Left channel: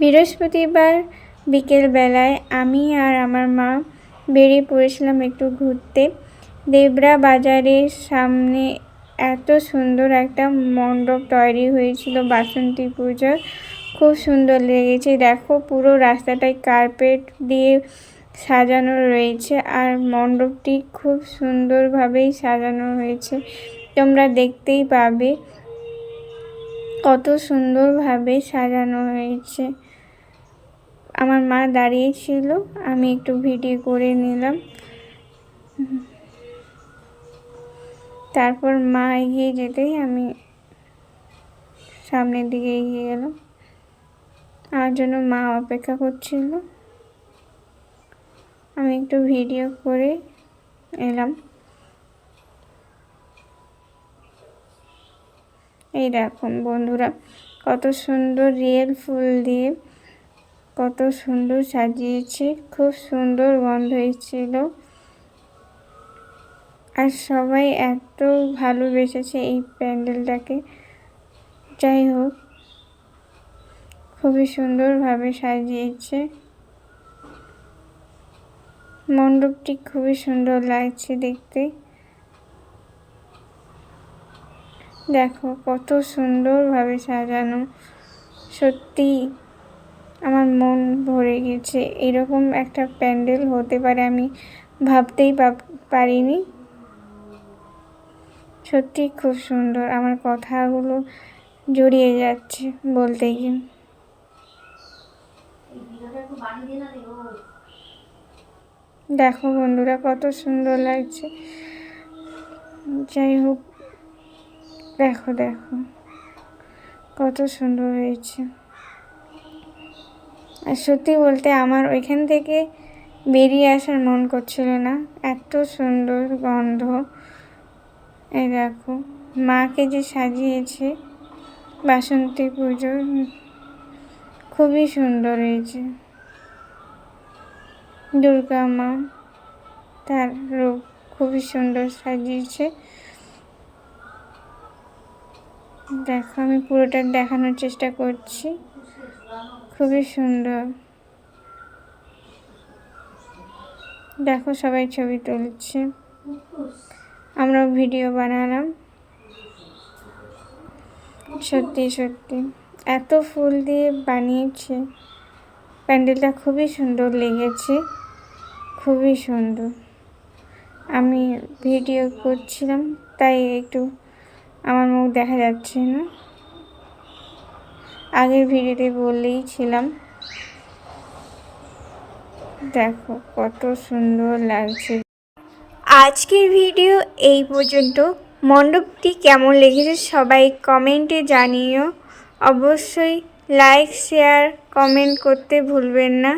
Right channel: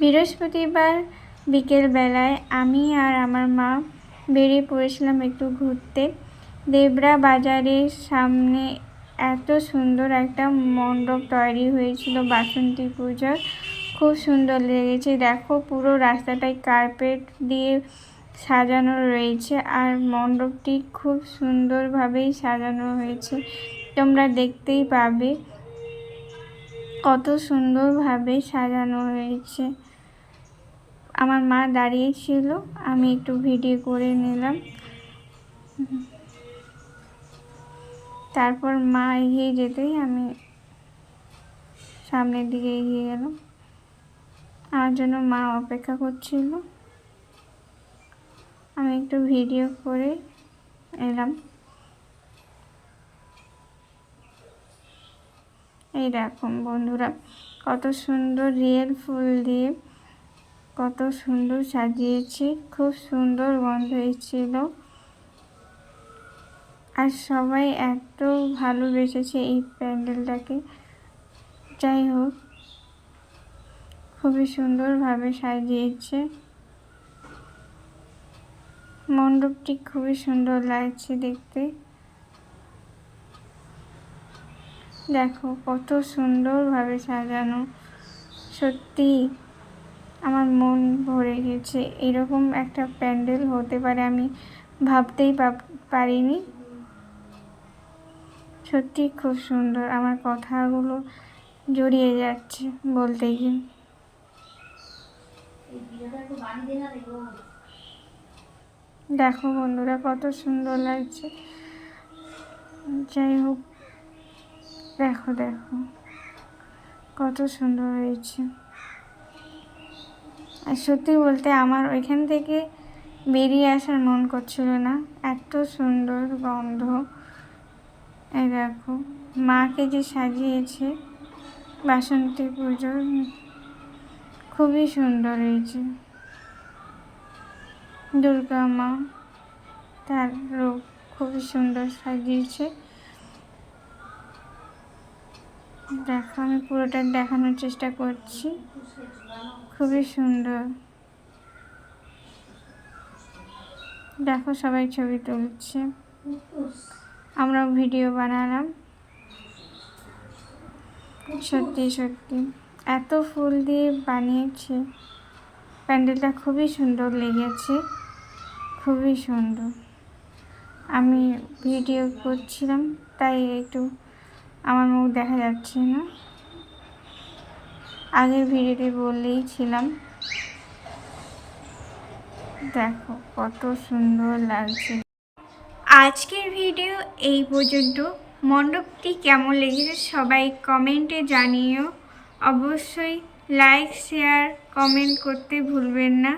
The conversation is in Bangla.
বৃহস্পতিবার বিকেলবেলায় আমি আর আমার মা বেরিয়ে পড়েছিলাম একটু ঘুরতে। দেবরা বাজারের সামনে এত সুন্দর একটা মণ্ডপ তৈরি হয়েছিল বাসন্তী পূজার, খুব সুন্দর লেগেছে। দেখো পুরো রাস্তাটায় কার্পেট দিয়ে সাজানো রয়েছে আর মণ্ডপটি খুব সুন্দরভাবেই সাজানো হয়েছে, তোমরা দেখতেই পাবে কত সুন্দরভাবে সাজানো হয়েছে। আমার মা দাঁড়িয়েছিল, আমি একটু ভিডিও করে নিলাম। তারপর মা এগিয়ে যেতেই আমি সামনের দিকে এগিয়ে গেলাম, আমার জন্য মা অপেক্ষা করছিল। আমি একটু ভিডিও করে এলাম। এই দেখুন বন্ধুরা, কত সুন্দর রিয়েল ফুল দিয়ে কত সুন্দর সাজিয়েছে, খুব সুন্দর গন্ধ হয়েছিল আর সবাই এত ভালোবেসেছে এই প্যান্ডেলটাকে। যাই হোক, খুবই সুন্দরভাবে সাজিয়েছে মণ্ডপটি, খুবই সুন্দর লাগছে দেখতে। দেখো কত সুন্দরভাবে সাজানো, সত্যি আমার মন ভরে গেছে। এরকম একটা প্যান্ডেল হতে পারে আমি ভাবতেই পারিনি। সত্যি খুব সুন্দর, আমার কথাগুলো জড়িয়ে যাচ্ছে বলতে গিয়ে। দেখো বন্ধুরা কত সুন্দর লাগছে। যাই হোক, দেখো দেখো কত সুন্দর হয়েছে। আর সত্যি বলতে আমার ওইখান থেকে বেরিয়ে আসার মন করছিল না, এত সুন্দর গন্ধ। এই দেখো মাকে যে সাজিয়েছে বাসন্তী পুজোর, খুবই সুন্দর হয়েছে। দুর্গা মা, তার রূপ খুবই সুন্দর সাজিয়েছে। দেখো আমি পুরোটা দেখানোর চেষ্টা করছি, খুবই সুন্দর। দেখো সবাই ছবি তুলছে, আমরাও ভিডিও বানালাম। সত্যি সত্যি এত ফুল দিয়ে বানিয়েছে প্যান্ডেলটা, খুবই সুন্দর লেগেছে, খুবই সুন্দর। আমি ভিডিও করছিলাম তাই একটু আমার মুখ দেখা যাচ্ছে না, আগের ভিডিওতে বললেই ছিলাম। দেখো কত সুন্দর লাগছে। আজকের ভিডিও এই পর্যন্ত। মণ্ডপটি কেমন লেগেছে সবাই কমেন্টে জানিও। অবশ্যই লাইক শেয়ার কমেন্ট করতে ভুলবেন না।